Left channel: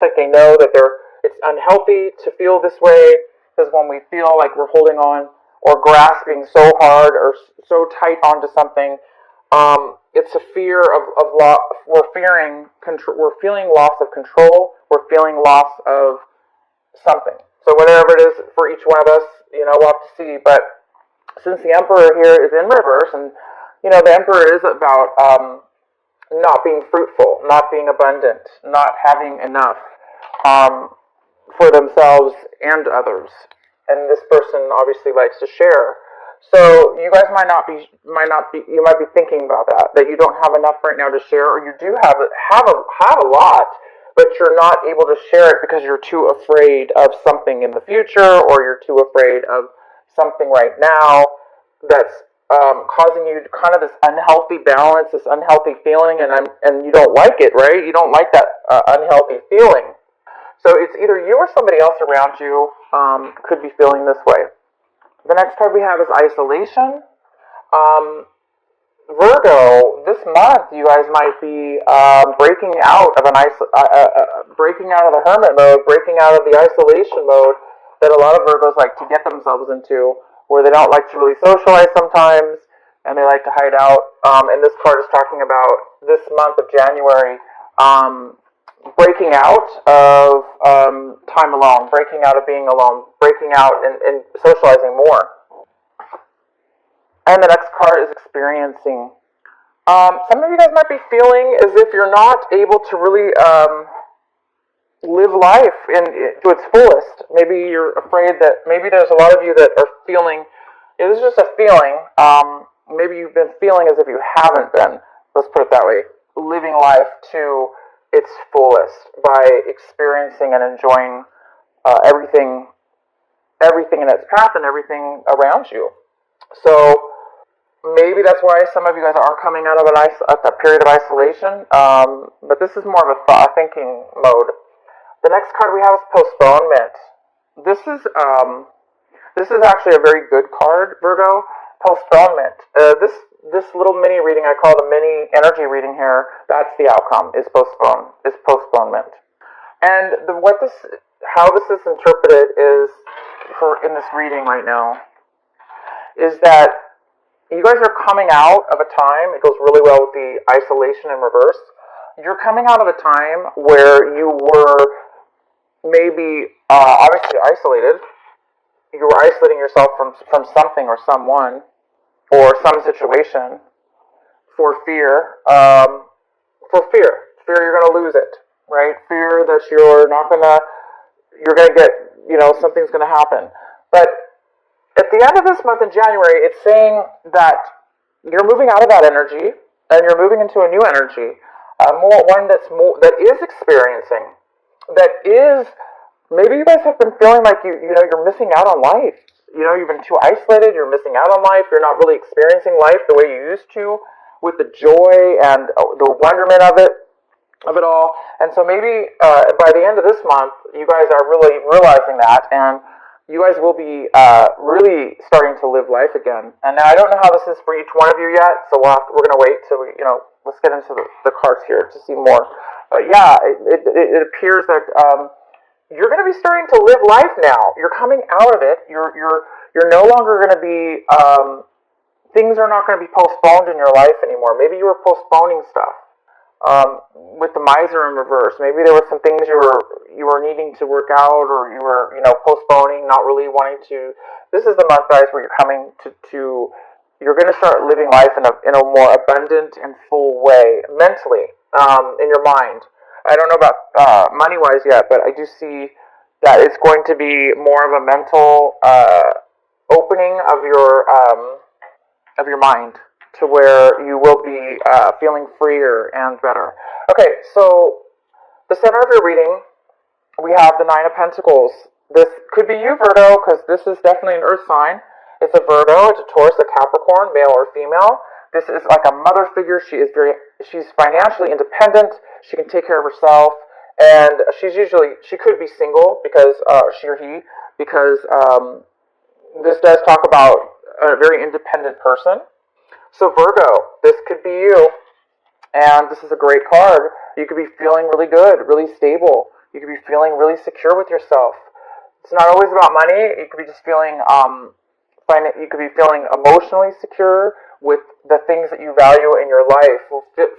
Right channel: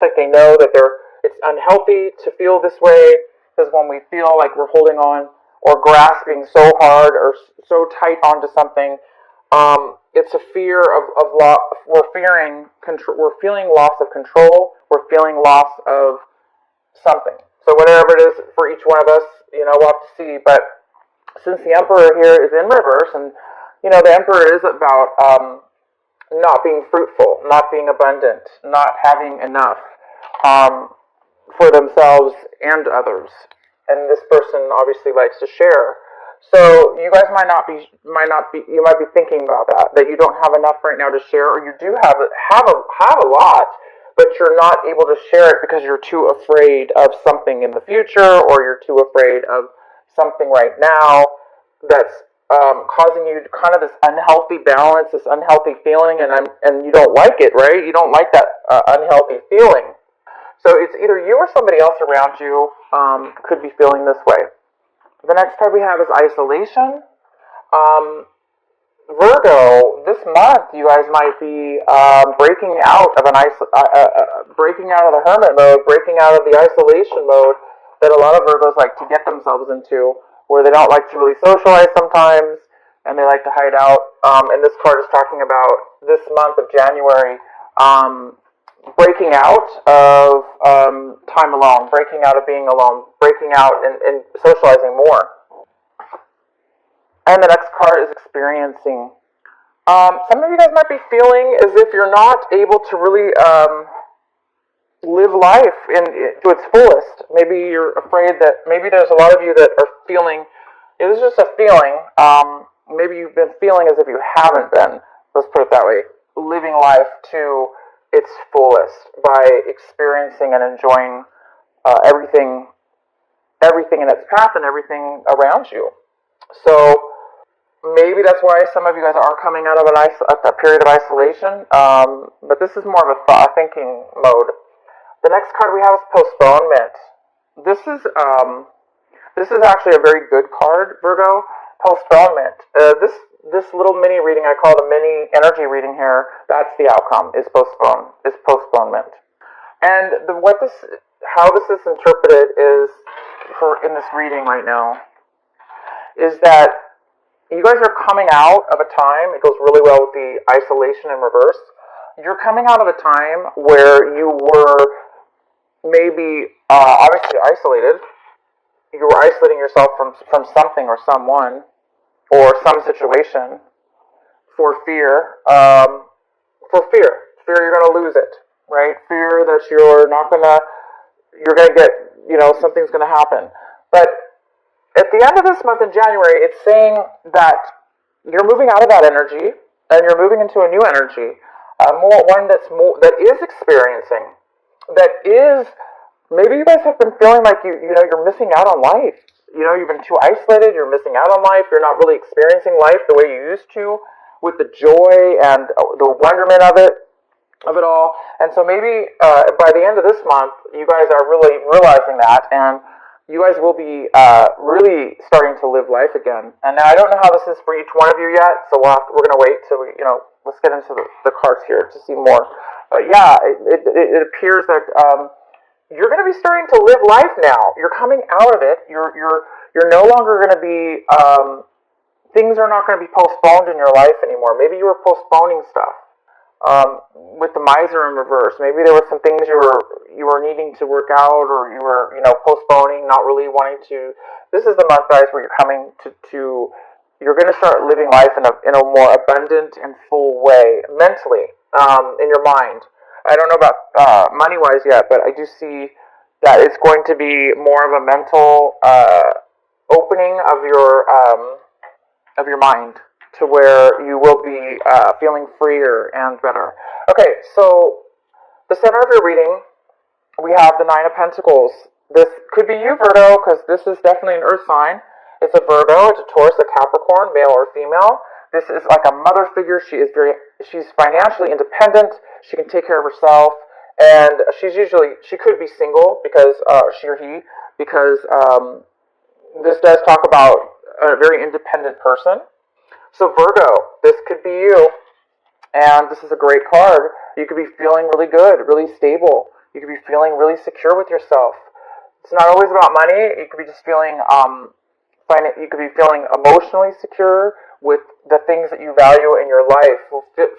Like they know that it's unhealthy to feel this way, because when we feel like we're holding on or grasping so hard or so tight onto something, it's a fear of loss. We're feeling loss of control. We're feeling loss of something. So whatever it is for each one of us, we'll have to see. But since the Emperor here is in reverse, and the Emperor is about not being fruitful, not being abundant, not having enough for themselves and others. And this person obviously likes to share. So you guys might be thinking about that you don't have enough right now to share, or you do have a lot, but you're not able to share it because you're too afraid of something in the future, or you're too afraid of something right now that's causing you kind of this unhealthy balance, this unhealthy feeling, and you don't like it, right? You don't like that unhealthy feeling. So it's either you or somebody else around you could be feeling this way. The next card we have is isolation. Virgo, this month you guys might be breaking out of breaking out of the hermit mode, breaking out of the isolation mode that a lot of Virgos like to get themselves into, where they don't like to really socialize sometimes, and they like to hide out. And this card is talking about this month of January, breaking out of time alone, breaking out of being alone, breaking out and socializing more. And the next card is experiencing. Some of you guys might be feeling as if you're not able to really live life to its fullest.Maybe you're afraid that maybe there's a lot of you that are feeling, this is just a feeling. Maybe you've been feeling as if you haven't been, let's put it that way, living life to its fullest by experiencing and enjoying everything in its path and everything around you. So maybe that's why some of you guys aren't coming out of a period of isolation. But this is more of a thinking mode. The next card we have is postponement. This is actually a very good card, Virgo. Postponement. This little mini reading, I call the mini energy reading here, that's the outcome, is postponement. And how this is interpreted is, in this reading right now, is that you guys are coming out of a time, it goes really well with the isolation in reverse, you're coming out of a time where you were maybe obviously isolated. You were isolating yourself from something or someone or some situation for fear. Fear you're going to lose it, right? Fear that you're going to get, something's going to happen. But at the end of this month in January, it's saying that you're moving out of that energy and you're moving into a new energy, one that is experiencing, that is. Maybe you guys have been feeling like you're missing out on life. You've been too isolated. You're missing out on life. You're not really experiencing life the way you used to, with the joy and the wonderment of it all. And so maybe by the end of this month, you guys are really realizing that, and you guys will be really starting to live life again. And now I don't know how this is for each one of you yet, so we're going to wait till let's get into the cards here to see more. But yeah, it appears that. You're going to be starting to live life now. You're coming out of it. You're no longer going to be. Things are not going to be postponed in your life anymore. Maybe you were postponing stuff with the Miser in reverse. Maybe there were some things you were needing to work out, or you were postponing, not really wanting to. This is the month, guys, where you're coming to. You're going to start living life in a more abundant and full way mentally, in your mind. I don't know about money-wise yet, but I do see that it's going to be more of a mental opening of your mind, to where you will be feeling freer and better. Okay, so the center of your reading, we have the Nine of Pentacles. This could be you, Virgo, because this is definitely an earth sign. It's a Virgo, it's a Taurus, a Capricorn, male or female. This is like a mother figure. She's financially independent. She can take care of herself, and she could be single because she or he, because this does talk about a very independent person. So Virgo, this could be you, and this is a great card. You could be feeling really good, really stable. You could be feeling really secure with yourself. It's not always about money. It could be just feeling, you could be feeling emotionally secure with the things that you value in your life.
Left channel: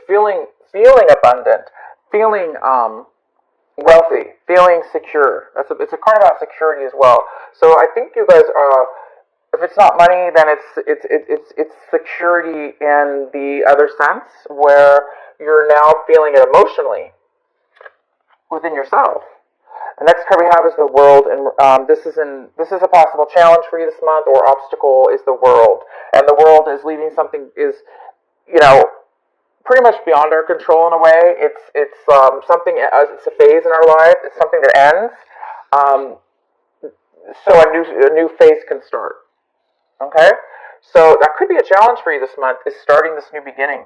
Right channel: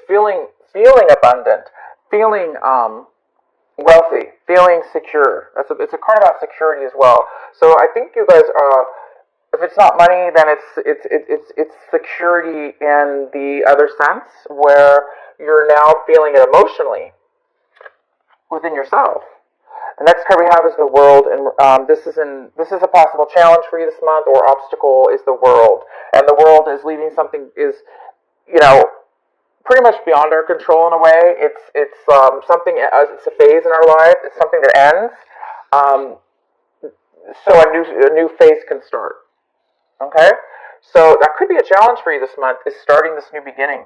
Feeling abundant, feeling wealthy, feeling secure. It's a card about security as well. So I think you guys are. If it's not money, then it's security in the other sense, where you're now feeling it emotionally within yourself. The next card we have is the World, and this is a possible challenge for you this month, or obstacle is the World, and the World is leaving something pretty much beyond our control in a way. It's something. It's a phase in our life. It's something that ends. So a new phase can start. Okay, so that could be a challenge for you this month. Is starting this new beginning,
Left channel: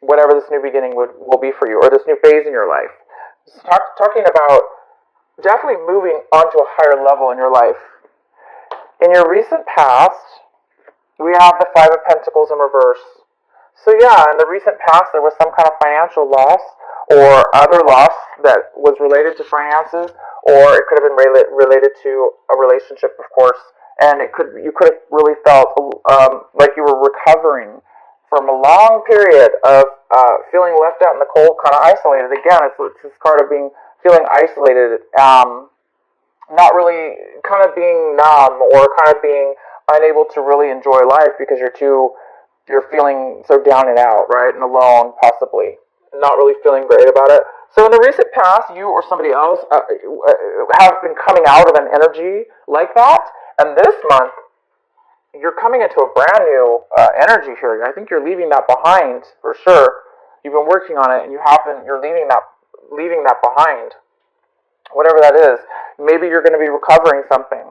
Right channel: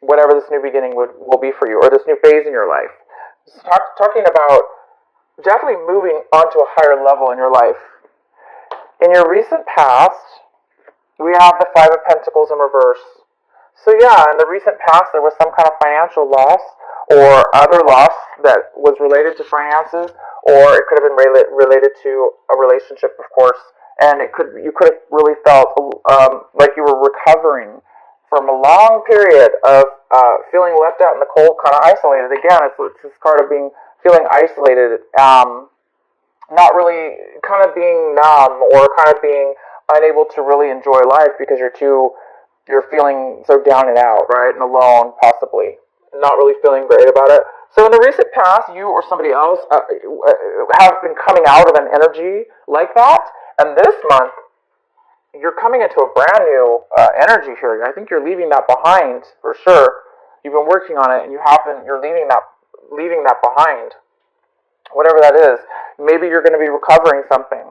whatever this new beginning will be for you, or this new phase in your life. Talking about definitely moving onto a higher level in your life. In your recent past, we have the Five of Pentacles in reverse. So yeah, in the recent past, there was some kind of financial loss or other loss that was related to finances, or it could have been related to a relationship, of course. And you could have really felt like you were recovering from a long period of feeling left out in the cold, kind of isolated. Again, it's this card of feeling isolated, not really, kind of being numb, or kind of being unable to really enjoy life because you're feeling so down and out, right, and alone, possibly, not really feeling great about it. So in the recent past, you or somebody else have been coming out of an energy like that, and this month, you're coming into a brand new energy here. I think you're leaving that behind, for sure. You've been working on it, and you're leaving that behind, whatever that is. Maybe you're going to be recovering something.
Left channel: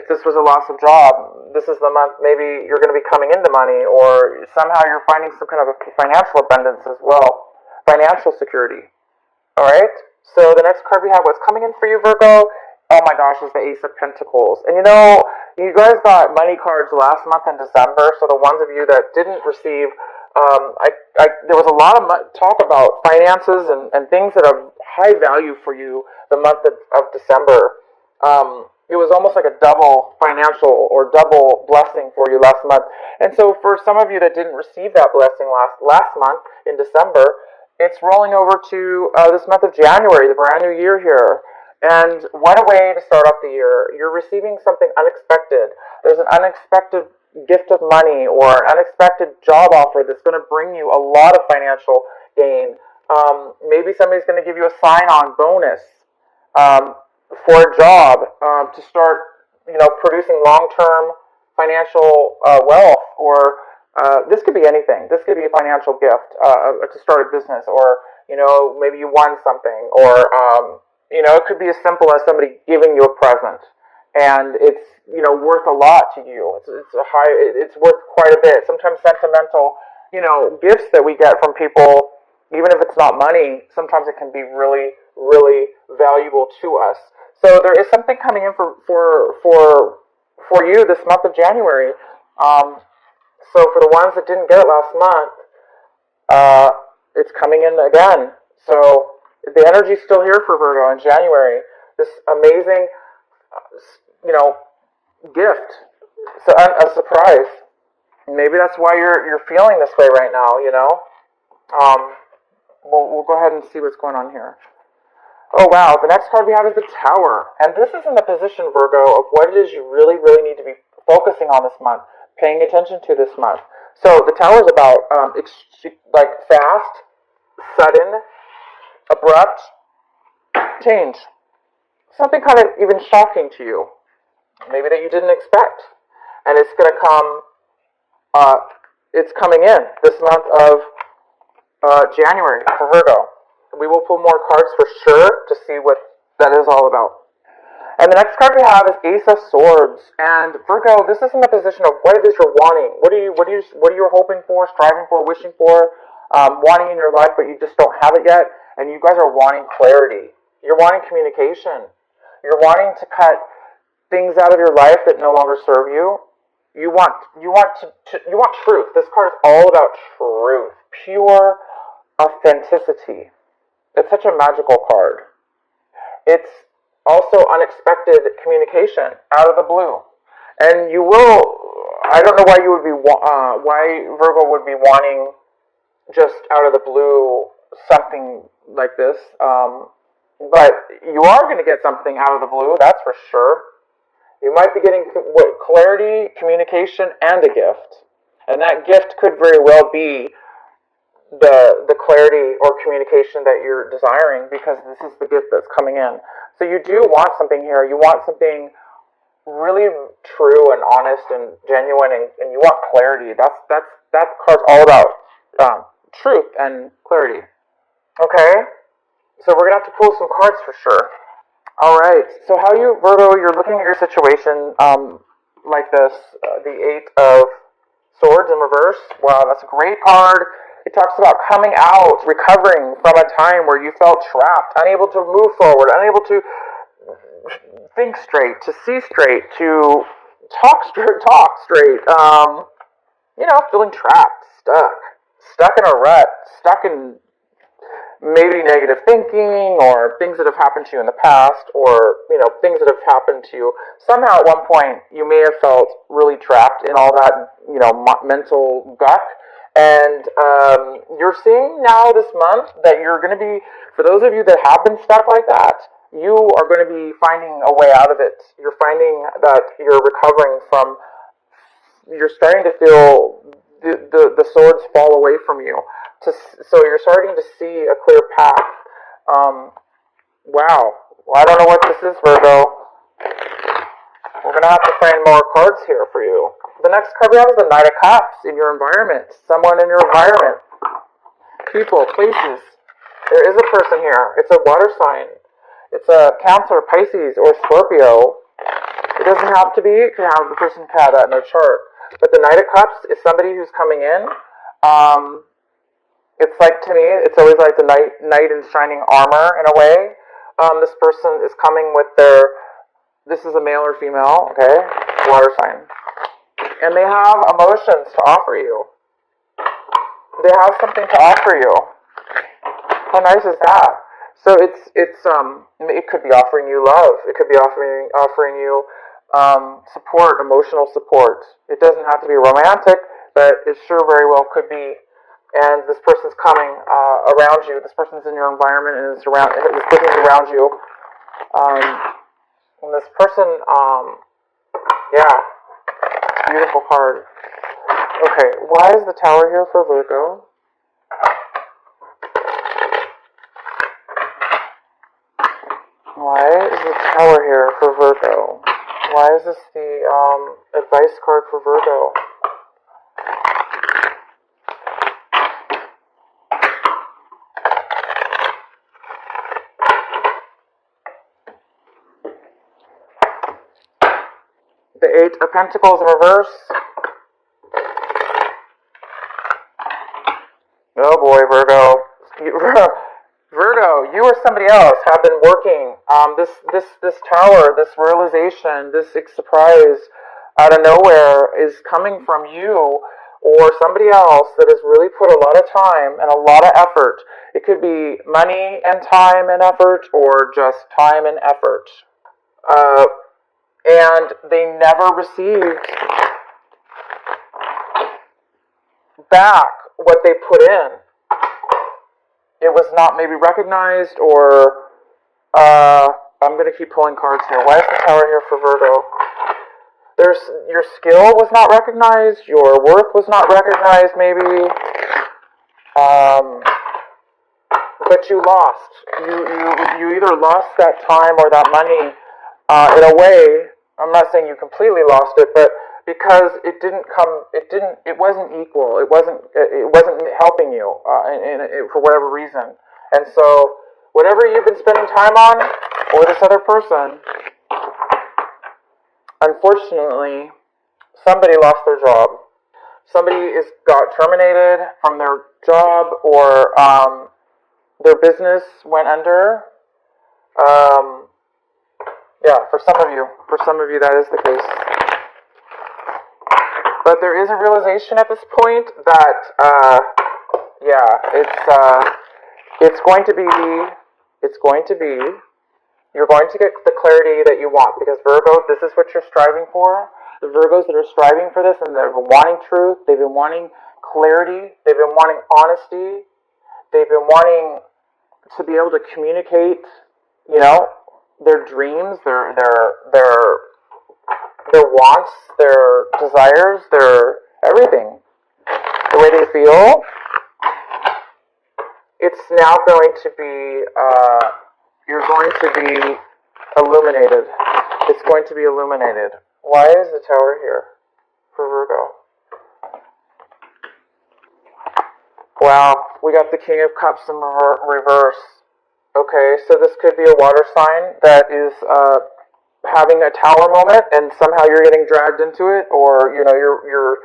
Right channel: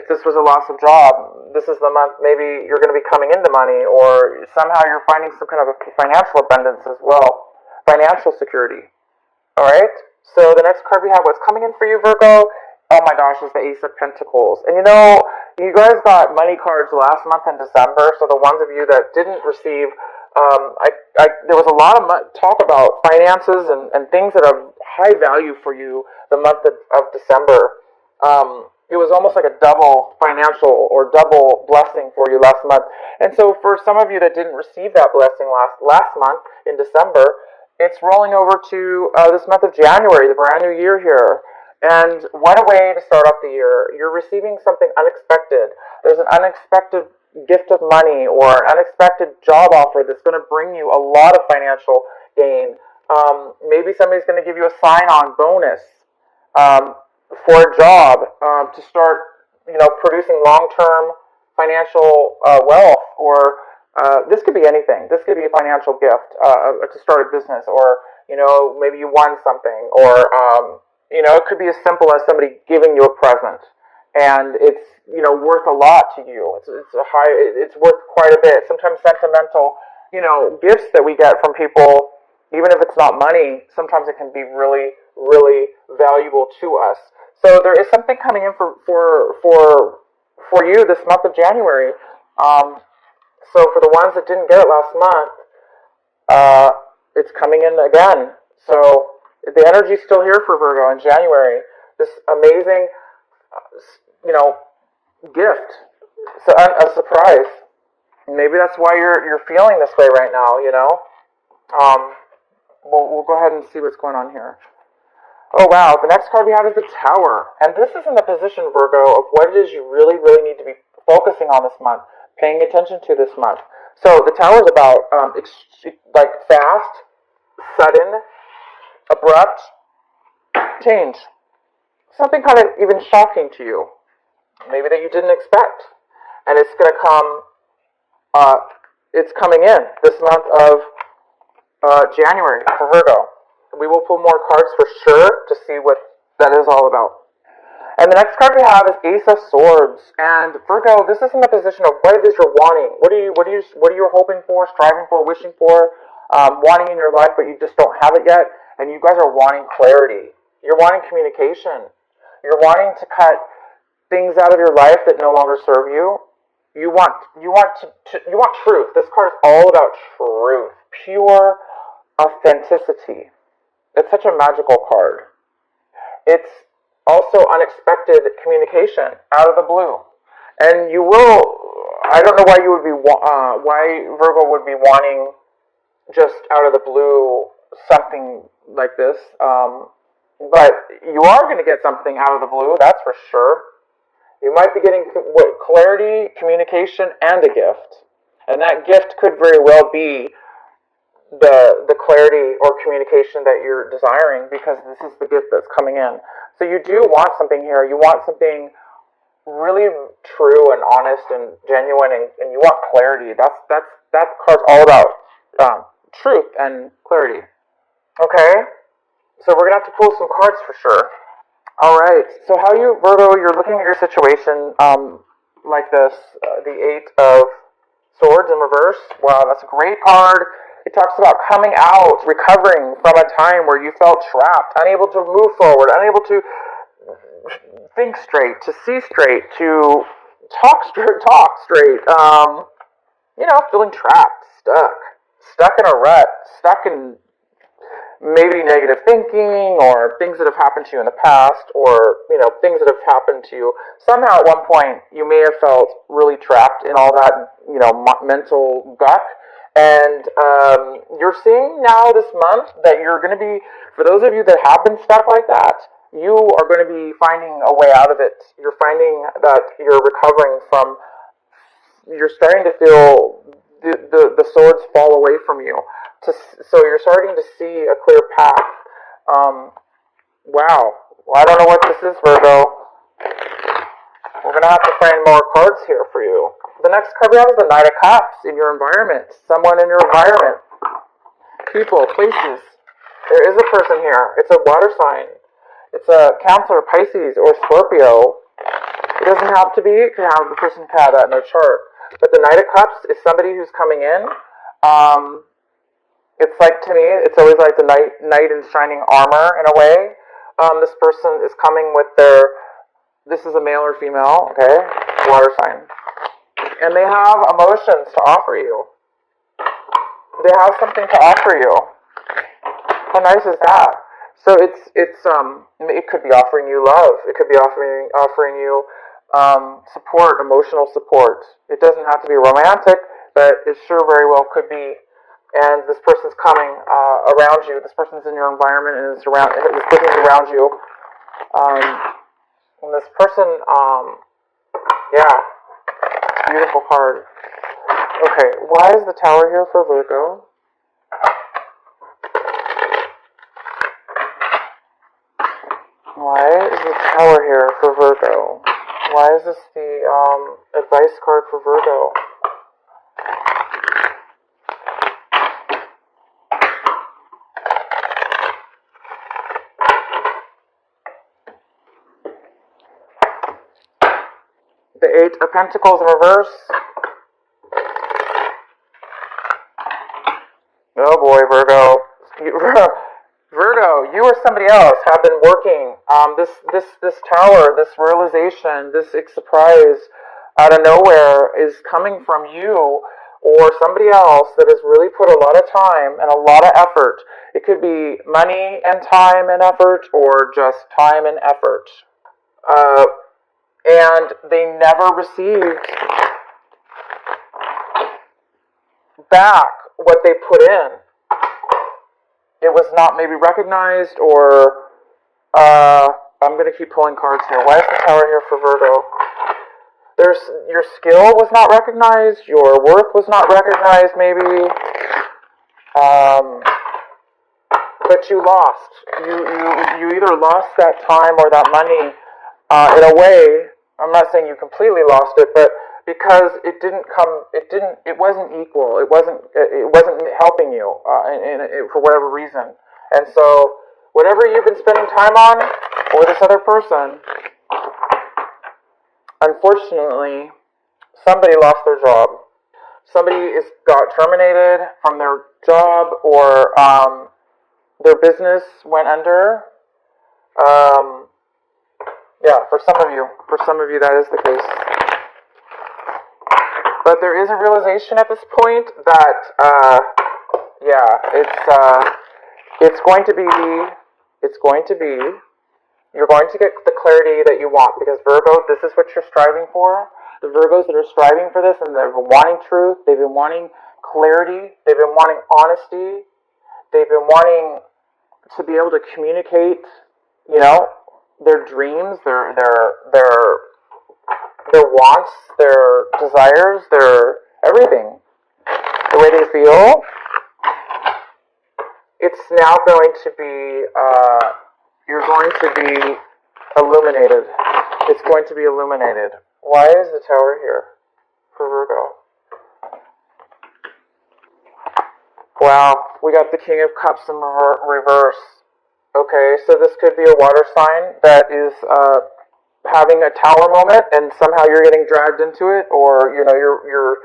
If this was a loss of job, this is the month maybe you're going to be coming into money, or somehow you're finding some kind of a financial abundance as well. Financial security. Alright? So the next card we have, what's coming in for you, Virgo? Oh my gosh, it's the Ace of Pentacles. And you guys got money cards last month in December, so the ones of you that didn't receive, there was a lot of talk about finances and things that have high value for you the month of December. It was almost like a double financial or double blessing for you last month. And so for some of you that didn't receive that blessing last month in December, it's rolling over to this month of January, the brand new year here. And what a way to start off the year. You're receiving something unexpected. There's an unexpected gift of money or an unexpected job offer that's going to bring you a lot of financial gain. Maybe somebody's going to give you a sign-on bonus for a job to start, producing long-term financial wealth, or this could be anything. This could be a financial gift to start a business, or maybe you won something, or it could be as simple as somebody giving you a present, and it's worth a lot to you. It's worth quite a bit. Sometimes sentimental gifts that we get from people, even if it's not money, sometimes it can be really, really valuable to us. So there is something coming in for you this month of January. So for the ones that didn't get it last month, it's coming in again. So the energy's still here for Virgo in January. This amazing, gift. So a surprise. Maybe that's why you're feeling this way right now. We'll go ahead and see what's going on here. Oh wow, the next card we have is the Tower. And this is in the position, Virgo, of what it is you really, really need to be focusing on this month, paying attention to this month. So the Tower is about fast, sudden, abrupt change. Something kind of even shocking to you. Maybe that you didn't expect. And it's going to come, it's coming in this month of January for Virgo. We will pull more cards for sure to see what that is all about. And the next card we have is Ace of Swords. And Virgo, this is in the position of what it is you're wanting. What are you hoping for, striving for, wishing for, wanting in your life, but you just don't have it yet. And you guys are wanting clarity. You're wanting communication. You're wanting to cut things out of your life that no longer serve you. You want truth. This card is all about truth, pure authenticity. It's such a magical card. it's also unexpected communication out of the blue. And you will, I don't know why you would be, why Virgo would be wanting just out of the blue something like this. But you are going to get something out of the blue, that's for sure. You might be getting clarity, communication, and a gift. And that gift could very well be the clarity or communication that you're desiring, because this is the gift that's coming in. So you do want something here. You want something really true and honest and genuine, and you want clarity. That card's all about truth and clarity. Okay? So we're going to have to pull some cards for sure. Alright, so how you, Virgo, you're looking at your situation like this, the Eight of Swords in reverse. Wow, that's a great card. It talks about coming out, recovering from a time where you felt trapped, unable to move forward, unable to think straight, to see straight, to talk straight, feeling trapped, stuck in a rut, stuck in maybe negative thinking, or things that have happened to you in the past, or things that have happened to you. Somehow at one point you may have felt really trapped in all that mental deck, and you're seeing now this month that you're going to be, for those of you that have been stuck like that, you are going to be finding a way out of it. You're finding that you're recovering from, you're starting to feel the swords fall away from you. So you're starting to see a clear path. Wow. Well, I don't know what this is, Virgo. We're going to have to find more cards here for you. The next card is the Knight of Cups in your environment. Someone in your environment. People, places. There is a person here. It's a water sign. It's a Cancer, Pisces, or Scorpio. It doesn't have to be. It could have, the person could have that in their chart. But the Knight of Cups is somebody who's coming in. It's like, to me, it's always like the knight in shining armor in a way. This person is coming with this is a male or female, okay, water sign. And they have emotions to offer you. They have something to offer you. How nice is that? So it could be offering you love. It could be offering you support, emotional support. It doesn't have to be romantic, but it sure very well could be. And this person's coming around you. This person's in your environment, and this person's around you. And this person, beautiful card. Okay, why is the Tower here for Virgo? Why is the Tower here for Virgo? Why is this the advice card for Virgo? The Eight of Pentacles in reverse. Oh boy, Virgo. Virgo, you or somebody else have been working. This tower, this realization, this surprise out of nowhere is coming from you or somebody else that has really put a lot of time and a lot of effort. It could be money and time and effort, or just time and effort. And they never received back what they put in. It was not maybe recognized, or I'm going to keep pulling cards here. Why is the Tower here for Virgo? Your skill was not recognized, your worth was not recognized maybe, but you lost. You either lost that time or that money in a way. I'm not saying you completely lost it, but because it wasn't equal. It wasn't helping you for whatever reason. And so whatever you've been spending time on, or this other person, unfortunately, somebody lost their job. Somebody got terminated from their job, or their business went under. For some of you that is the case. But there is a realization at this point that, it's going to be, You're going to get the clarity that you want, because Virgo, this is what you're striving for. The Virgos that are striving for this, and they've been wanting truth, they've been wanting clarity, they've been wanting honesty, they've been wanting to be able to communicate, you know, their dreams, their wants, their desires, their everything, the way they feel. It's now going to be, you're going to be illuminated. It's going to be illuminated. Why is the Tower here for Virgo? Wow, we got the King of Cups in reverse. Okay, so this could be a water sign that is having a tower moment, and somehow you're getting dragged into it, or you know you're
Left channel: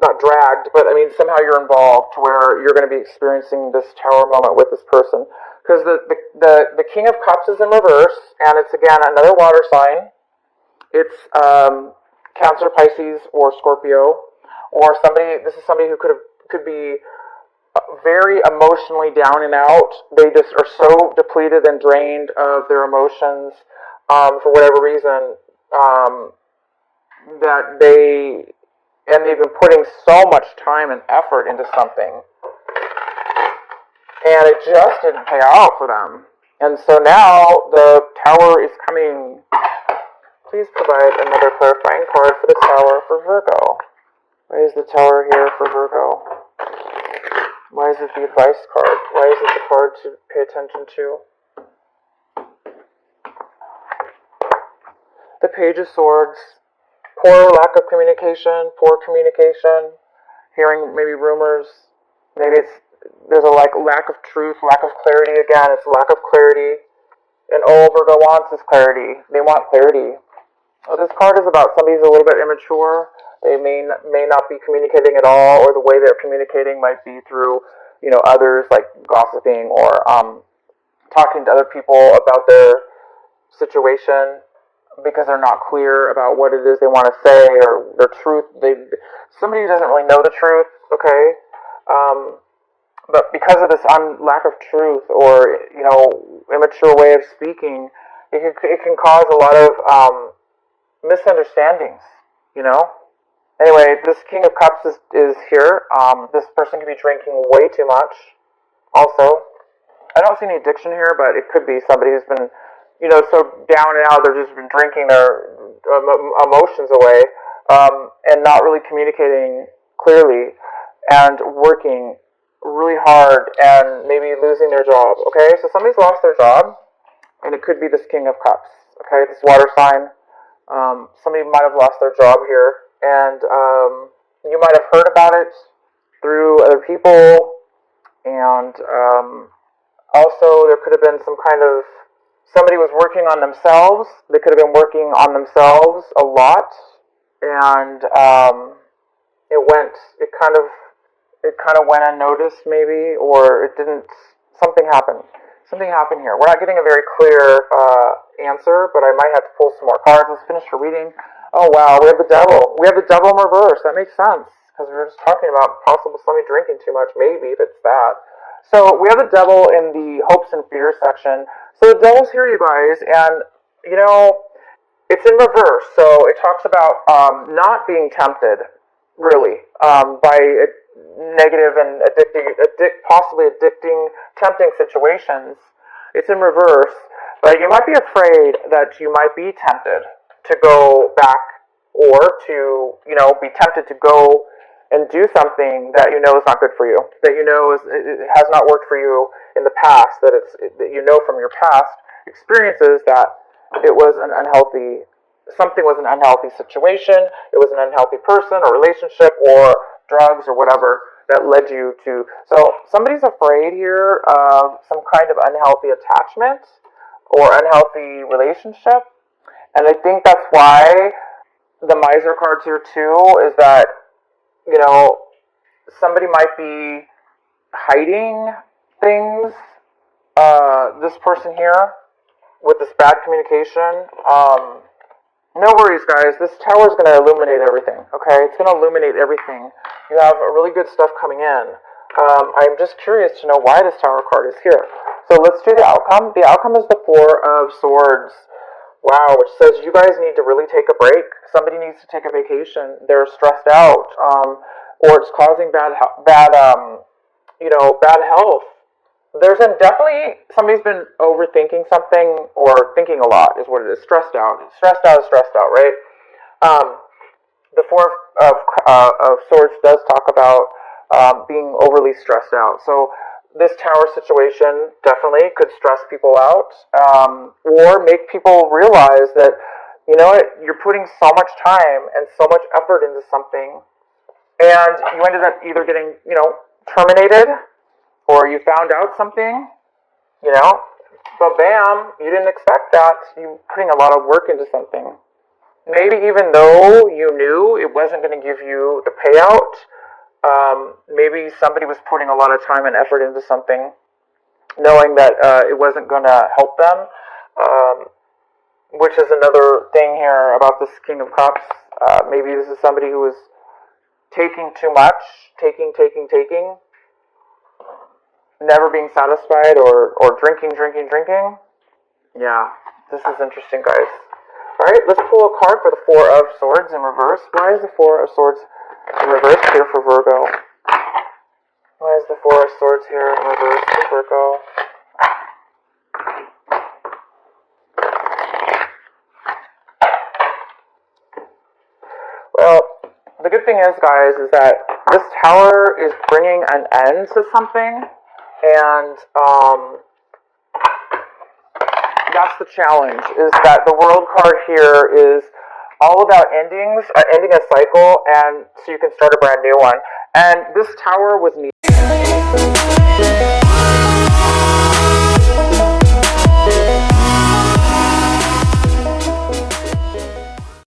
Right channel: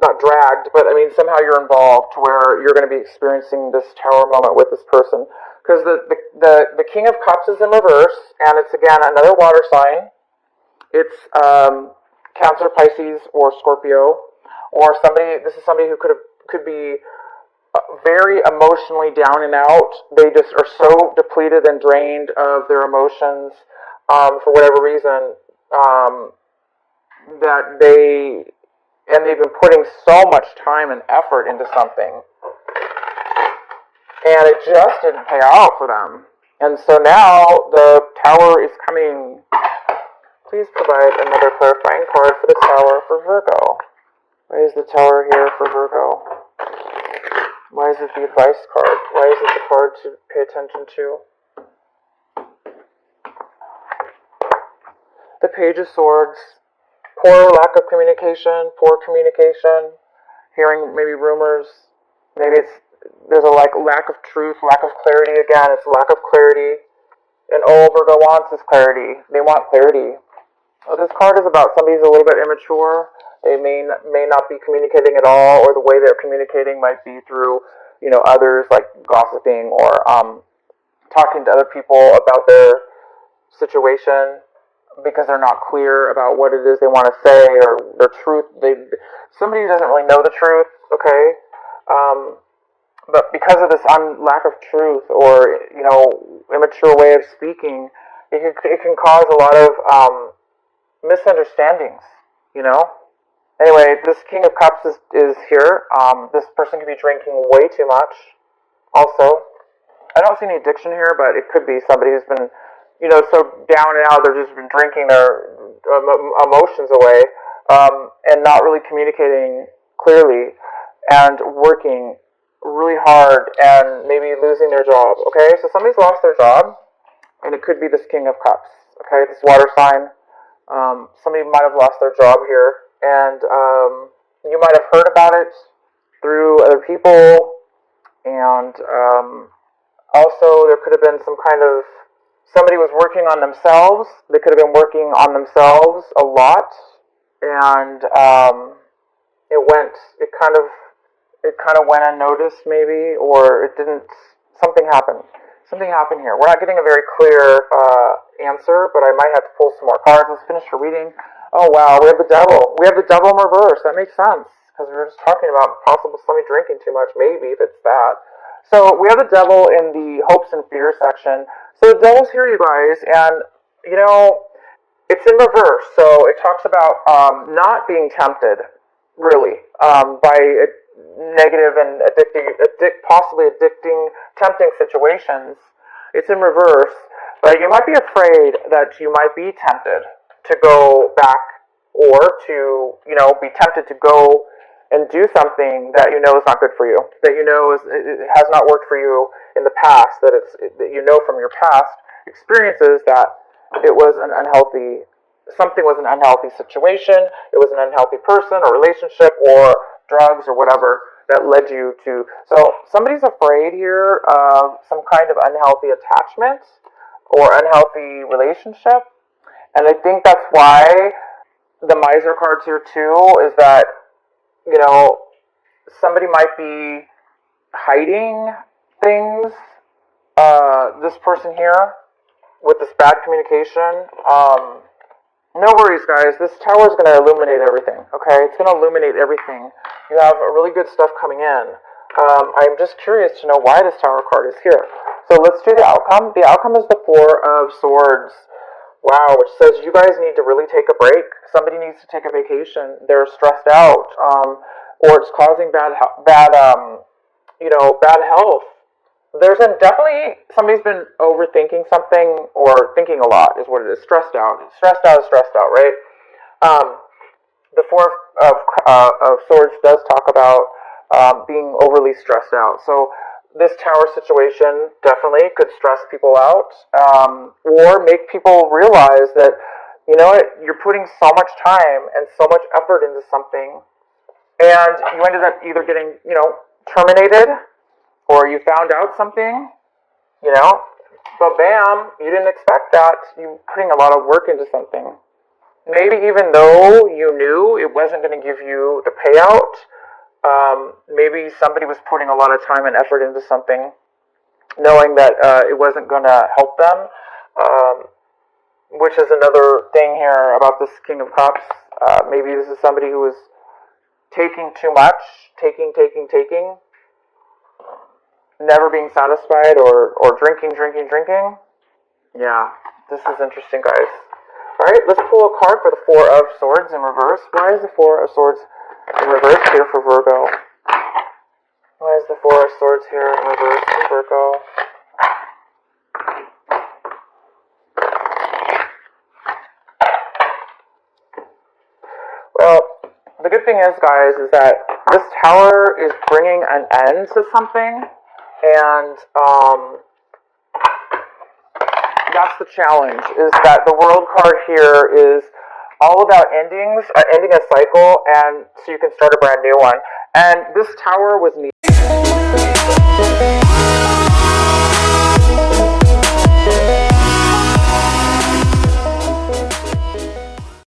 not dragged, but I mean somehow you're involved to where you're going to be experiencing this tower moment with this person. Because the King of Cups is in reverse, and it's again another water sign. It's Cancer, Pisces, or Scorpio, or somebody. This is somebody who could be very emotionally down and out. They just are so depleted and drained of their emotions for whatever reason that they've been putting so much time and effort into something, and it just didn't pay out for them. And so now the Tower is coming. Please provide another clarifying card for the Tower for Virgo. Why is the Tower here for Virgo? Why is it the advice card? Why is it the card to pay attention to? The Page of Swords. Poor lack of communication, hearing maybe rumors. Maybe there's a lack of truth, lack of clarity. Again, it's lack of clarity. And all Virgo wants is clarity. They want clarity. This card is about somebody who's a little bit immature. They may not be communicating at all, or the way they're communicating might be through, you know, others, like gossiping or talking to other people about their situation because they're not clear about what it is they want to say or the truth. Somebody who doesn't really know the truth, okay? But because of this lack of truth or, you know, immature way of speaking, it can cause a lot of misunderstandings, you know? Anyway, this King of Cups is here. This person could be drinking way too much. Also, I don't see any addiction here, but it could be somebody who's been, you know, so down and out, they've just been drinking their emotions away, and not really communicating clearly, and working really hard, and maybe losing their job, okay? So somebody's lost their job, and it could be this King of Cups, okay? This water sign. Somebody might have lost their job here, and you might have heard about it through other people, and also there could have been some kind of, somebody was working on themselves. They could have been working on themselves a lot, and it kind of went unnoticed maybe, or it didn't, something happened here. We're not getting a very clear answer, but I might have to pull some more cards. Let's finish the reading. Oh wow, we have the Devil. We have the Devil in reverse. That makes sense, because we were just talking about possible somebody drinking too much. Maybe that's that. So we have the Devil in the hopes and fears section. So the Devil's here, you guys, and you know, it's in reverse. So it talks about not being tempted, really, by negative and possibly addicting, tempting situations. It's in reverse, but you might be afraid that you might be tempted to go back, or to, you know, be tempted to go and do something that you know is not good for you, that you know it has not worked for you in the past, that that you know from your past experiences that it was something was an unhealthy situation, it was an unhealthy person or relationship or drugs or whatever that led you to. So somebody's afraid here of some kind of unhealthy attachment or unhealthy relationship, and I think that's why the Miser card's here too, is that, you know, somebody might be hiding things, this person here, with this bad communication. No worries, guys. This tower is going to illuminate everything, okay? It's going to illuminate everything. You have really good stuff coming in. I'm just curious to know why this Tower card is here. So let's do the outcome. The outcome is the Four of Swords. Wow, which says you guys need to really take a break. Somebody needs to take a vacation. They're stressed out, or it's causing bad health. There's definitely somebody's been overthinking something or thinking a lot is what it is. Stressed out. Stressed out is stressed out, right? The Four of Swords does talk about being overly stressed out. So this Tower situation definitely could stress people out, or make people realize that, you know what, you're putting so much time and so much effort into something, and you ended up either getting, terminated, or you found out something, but bam, you didn't expect that. You're putting a lot of work into something. Maybe even though you knew it wasn't going to give you a payout, maybe somebody was putting a lot of time and effort into something, knowing that it wasn't going to help them, which is another thing here about this King of Cups. Maybe this is somebody who is taking too much, taking, never being satisfied, or drinking. Yeah, this is interesting, guys. Alright, let's pull a card for the Four of Swords in reverse. Why is the Four of Swords in reverse here for Virgo? Why is the Four of Swords here in reverse for Virgo? Well, the good thing is, guys, is that this Tower is bringing an end to something, and that's the challenge, is that the World card here is all about endings, ending a cycle, and so you can start a brand new one. And this Tower was needed.